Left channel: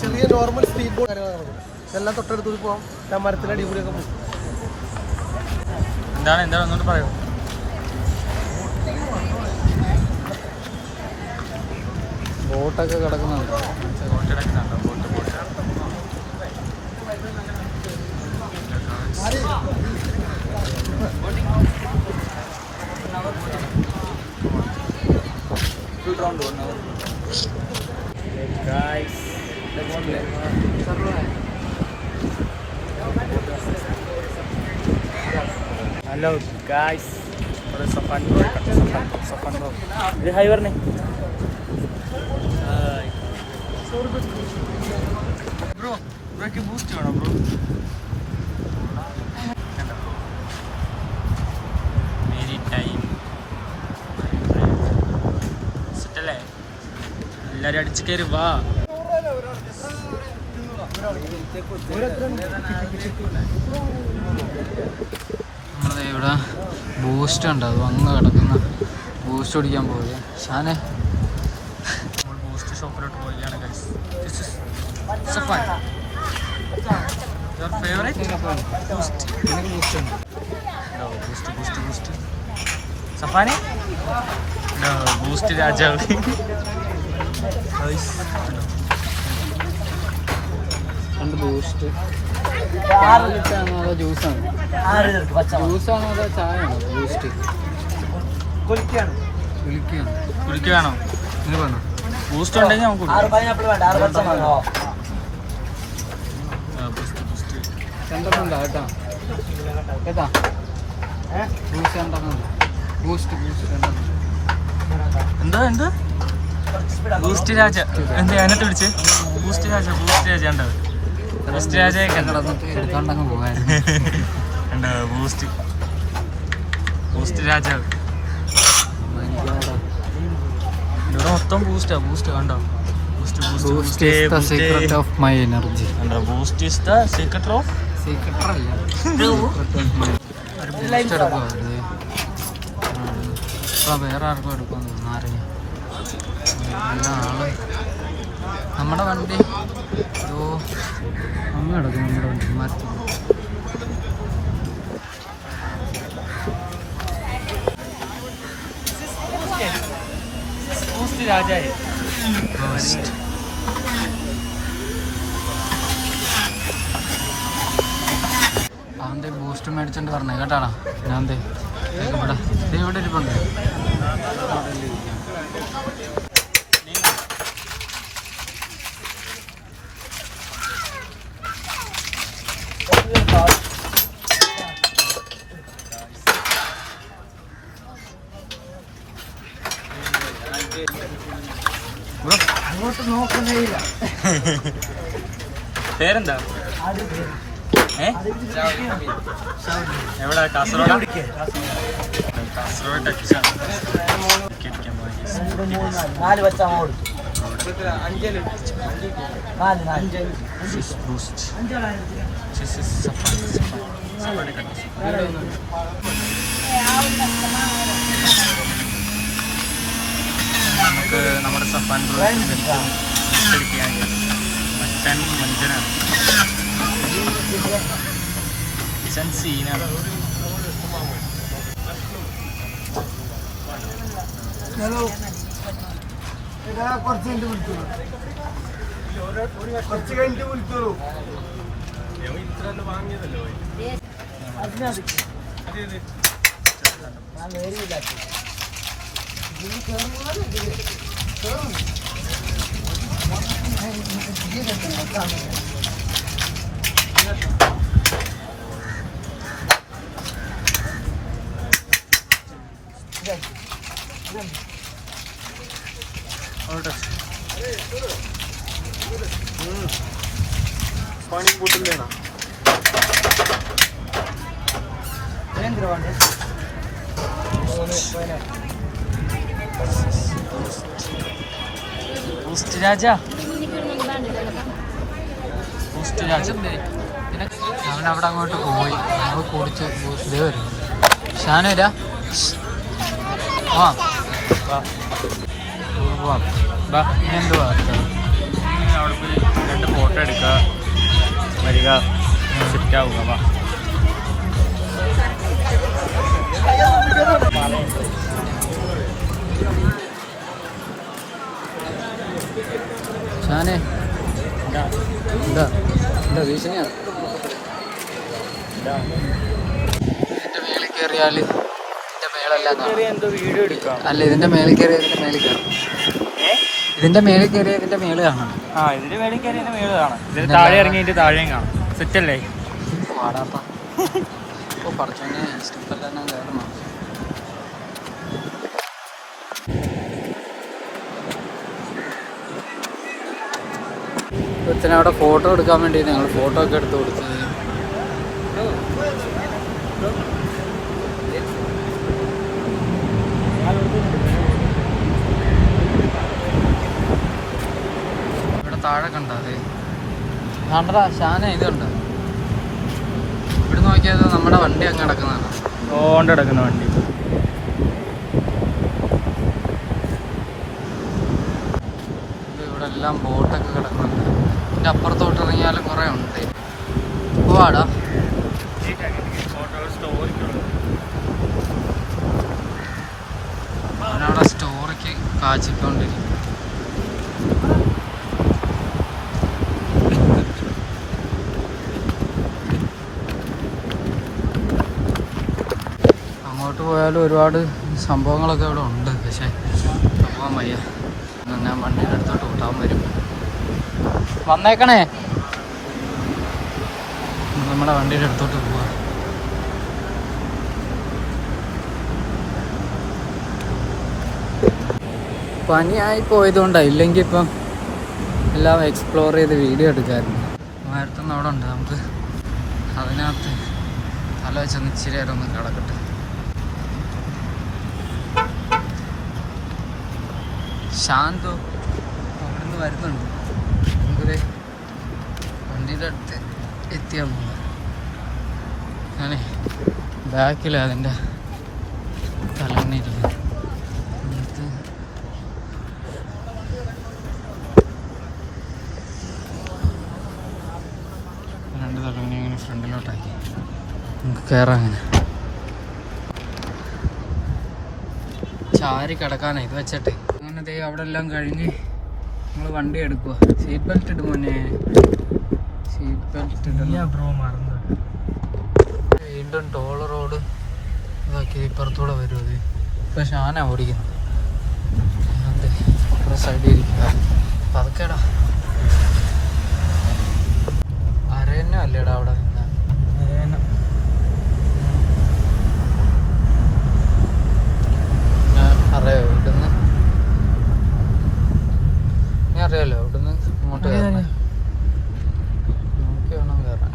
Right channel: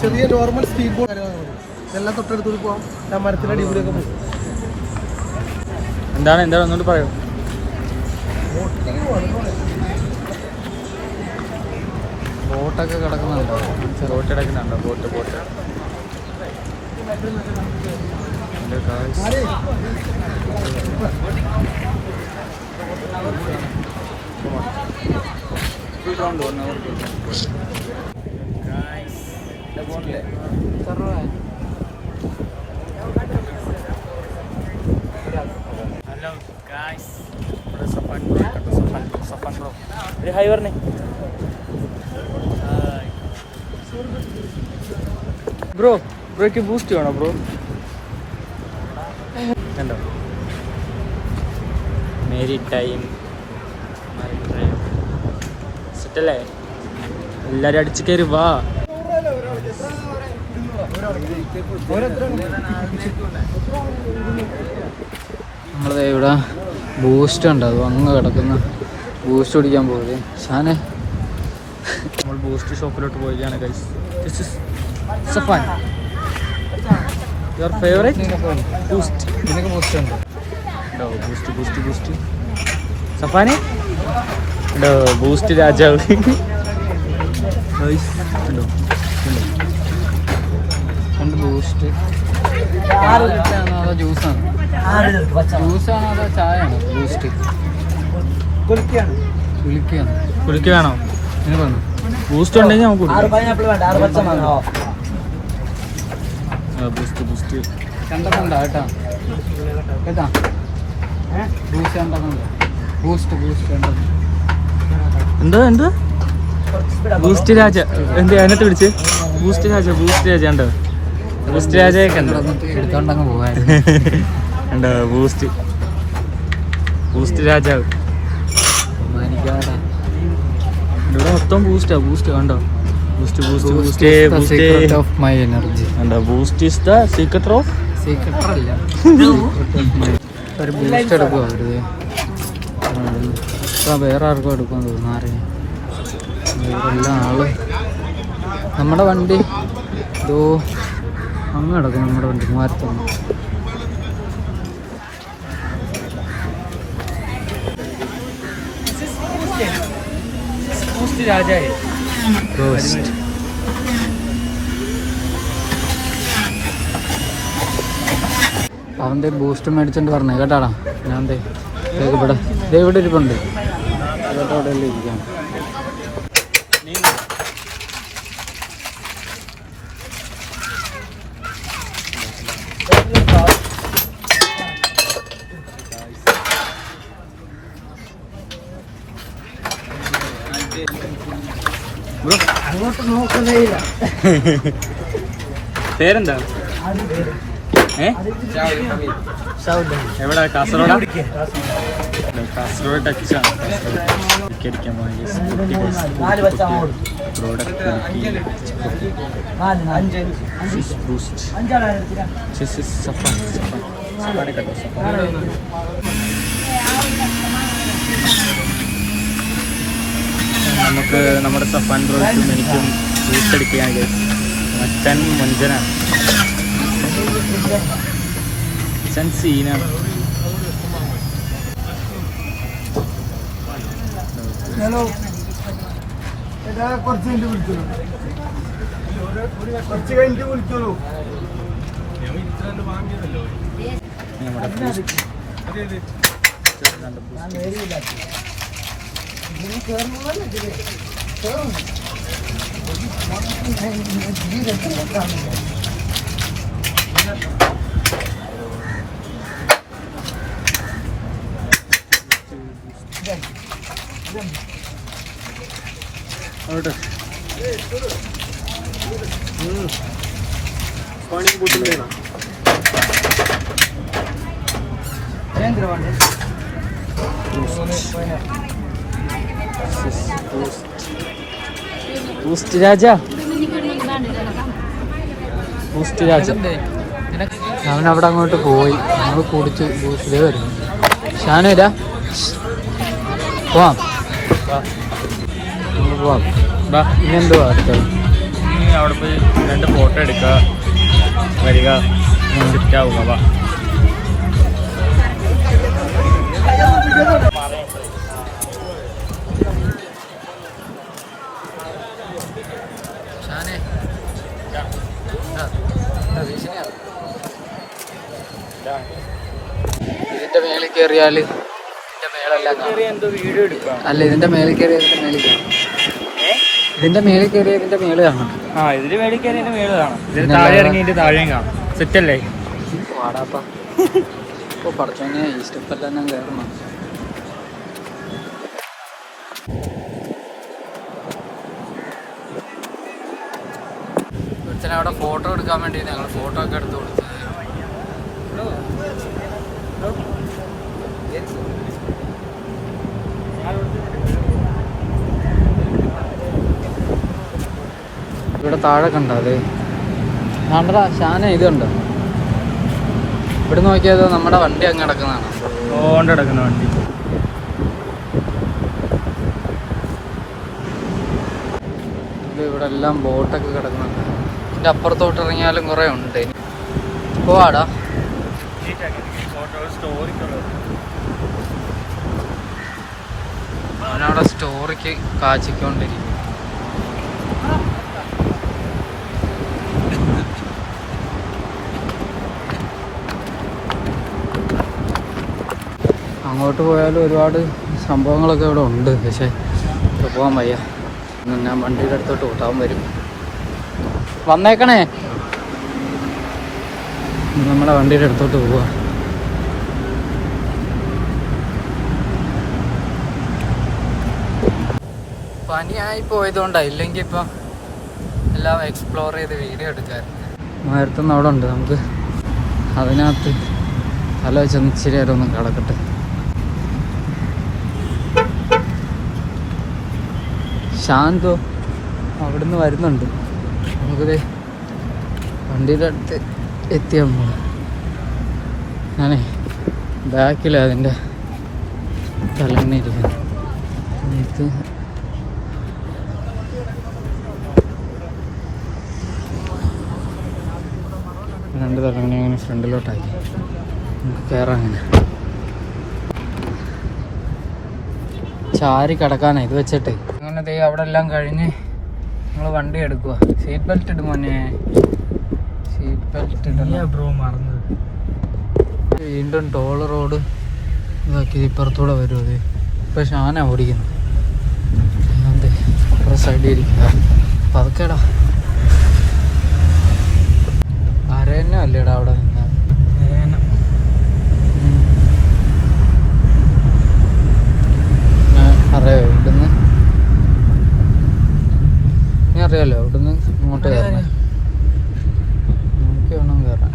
ചെറിയ normal speed boat എല്ലാം തൊട്ടടുത്ത് പോകാം. ഞാൻ മരത്തിൻ്റെ അടിപൊളിയൊക്കെ പോകും. എന്താണ് ഒന്നുകൂടി പറയൂ. ബോട്ട് കിടക്കുന്നുണ്ടോ? Boat hello guys, Safan bro hi പറഞ്ഞേ. ബ്രോയ്ക്ക് ബൂസ്റ്റ് വേണോ ബ്രോ? കണ്ടോ മേരി ടൈം സെറ്റല്ലേ? എല്ലാരും അടിച്ചു കയറി വാ. നമ്മളത് ഇവിടെ ബൂസ്റ്റ് ഉണ്ട്, അത് അങ്ങ് കിടക്കുന്ന ബൂസ്റ്റ് കുടിക്കാൻ പോയത്. ഷാനെ നമ്മൾ ബൂസ്റ്റ് ഷോപ്പിലോട്ട് പോവുകയാണ് guys. This is Safan, your favourite boost. ഇതിനൊക്കെ ബൂസ്റ്റ് ഉണ്ട് കേട്ടോ. ബൂസ്റ്റ് സഫാനെ കേട്ടോ. ബൂസ്റ്റ് രാജാവ് കേട്ടോ. ബൂസ്റ്റ് കുലിക്കാണോ? നിനക്ക് വന്നോ? ബൂസ്റ്റ് ഉണ്ടെങ്കിൽ നമുക്ക് ബൂസ്റ്റ് എന്താ ബൂസ്റ്റ് രാജ എന്ത് അതിനകത്ത് പിടിച്ച് ബൂസ്റ്റ് രാജ ഉണ്ടോ? ബൂസ്റ്റ് രാജയൊക്കെ എടുത്തോണ്ടങ്ങ് പോകാറുണ്ട്. ഉണ്ടോ ബൂസ്റ്റ് രാജാവ്. ഇവിടെ മൊത്തം ബൂസ്റ്റ് കണ്ടോ? സീക്രട്ട് ഓഫ് മൈ എനർജി കണ്ടോ? Boost is the secret of അല്ല ഒരു ബൂസ്റ്റ് എടുക്കുമോ? ഇപ്പം വേറെ ആർക്കും എടുക്കുമെന്ന് തോന്നുന്നു. ആരെയും എല്ലാ ആളും നമ്മുടെ വണ്ടി ഇതോ അങ്ങ് കിടക്കും. നമ്മുടെ വണ്ടി മാരത്താണ്. രാജായി അവൻ്റെ ബൂസ്റ്റ് മേടിച്ചോണ്ട് പറഞ്ഞേ കേട്ടാടാ. ഞാൻ ഇവിടെ ഇരിപ്പുണ്ട്. ഇവിടെ അവിടെ എല്ലാം ഇരിക്കാം. പേരെന്താ? എവിടെ? കാസർഗോഡ് ടച്ചാണ്. നമുക്ക് നമ്മുടെ സഫാൻ ബ്രോയ്ക്കും എനിക്കും ബൂസ്റ്റ് അടിക്കുകയാണ്. മറ്റൻ മുഞ്ചനാണ്, സീനാണ്. पानी की बोतल लेना। ബൂസ്റ്റ് രാജ അവൻ അവിടെ അങ്ങോട്ട് പോയി. നമ്മൾ കുടിച്ച് ബൂസ്റ്റിലേ വരും. ഷാനേരാ പോവാം. ബാ ഇനി എന്തുവാ അടുത്തത്? ഇനി അവിടെ പോയി 2 ഫോട്ടോ എടുക്കുക, വരിക, ഷിഫ്റ്റ് ആവുക. വാ. ഷാനെ എന്താ എന്താ ഭീഷണിയാ? ഇതിന്റെ മേളിൽ കയറിയാൽ അല്ല, ഇതിന്റെ മേളിൽ കയറിയ ഇതിന്റെ മേളിൽ കാണാം. ഇതിന്റെ മേളിൽ കയറി എന്റെ മേളിൽ കാണാം. താഴെ ഇറങ്ങിയിട്ട് താഴെയും കാണാം. സെറ്റല്ലേ? പാടാപ്പാ. ഇപ്പോൾ പഠിച്ചോന്നെ ഈ സ്റ്റെപ്പെല്ലാം തന്നെ കയറണം. ഇപ്പത്തിന് അവിടെ ഫോട്ടോ എടുക്കാൻ വേണ്ടി ഞങ്ങൾ ഫോട്ടോ ഒക്കെ എടുത്ത് കൊടുത്തത്. ഇവിടെ താഴെ കണ്ടോ? അതെ കണ്ടടാ ഷാന. ഇത് കണ്ടോ? ഇവിടെ നോക്കിയാൽ നമ്മുടെ വണ്ടി അങ്ങ് കിടക്കുന്നതാണ്. കിടക്കുന്ന വണ്ടി. ഇവിടെ എല്ലാം ബോട്ടൊക്കെ കിടക്കുന്നുണ്ട്. ഇതിൻ്റെ അപ്പുറത്തോട്ട് ഇറങ്ങിയാലും കുറേ ഉണ്ട്. പോവാടാ. അവനവിടെ സ്റ്റോറിക്ക് കാച്ചിക്കൊണ്ടിരിക്കും. അങ്ങോട്ട് പോയാലും ഒരുപാട് സംഭവങ്ങളൊക്കെ ഇവിടെ ഉണ്ട്. പക്ഷേ ഇവിടെ പോകാൻ വയ്യ. ഞാൻ വണ്ടിയുടെ അടുത്തോട്ട് ഓട്ടാൻ വരും. വന്നേക്കണേ. നമ്മുടെ വണ്ടിയുടെ അടുത്തോട്ട് പോവാ. പനിയായി പോയതുകൊണ്ടാണ്, ഇല്ലെങ്കിൽ ഇപ്പം എല്ലാം എക്സ്പ്ലോർ ചെയ്ത് വീഡിയോ എടുക്കാമായിരുന്നു. മരത്തൊന്നും അവിടെ ഉണ്ട്. നമുക്ക് അതിനകത്ത് തല വെച്ചൊന്ന് ഇച്ചിരി നേരം ഒന്ന് കിടക്കട്ടെ. ശാന്തോ അവിടുന്ന് വരുന്നുണ്ട്. നമുക്കിത് വണ്ടിയുടെ അടുത്ത് എത്തിയാൽ പോകും. ഞാനേ ബാക്കിലാണ് അതിൻ്റെ തലങ്ങിരിക്കുന്നത്. നമുക്ക് രണ്ട് തലങ്ങണി അങ്ങനെ ഫ്രണ്ടിലോട്ടാക്കി നമുക്ക് കയറാം. അങ്ങനെ ചാരി കിടക്കാനാണ് ഇത് വെച്ചിട്ട്. അങ്ങനെ ദേ അവിടെ എല്ലാം കഴിഞ്ഞ് നമ്മൾ വണ്ടി എടുക്കുക. സീറ്റ് ബെൽറ്റ് ഇടും മോനെ. സീറ്റ് ബെൽറ്റ് ഇടല്ലേ ബ്രോ, മറന്നത്. വീണ്ടും ടോൾ റോഡ് ഇതാക്കി ഇപ്പുറത്തൂടെ വരും. അത് ഇപ്പോൾ ഷാനാണ് ഓടിക്കുന്നത്. അതെ അപ്പുറം സൈഡിൽ ഇരിക്കുക. പതുക്കേടാ. അരന്നെ അല്ലേടാ അവിടെ നിന്നാൽ. അറിയാമോ ഇവിടുന്ന്? നീ അറിയാലോ ഇവിടുന്ന് ഇങ്ങോട്ട് കയറണേ. നോക്കി വേണം കയറാൻ.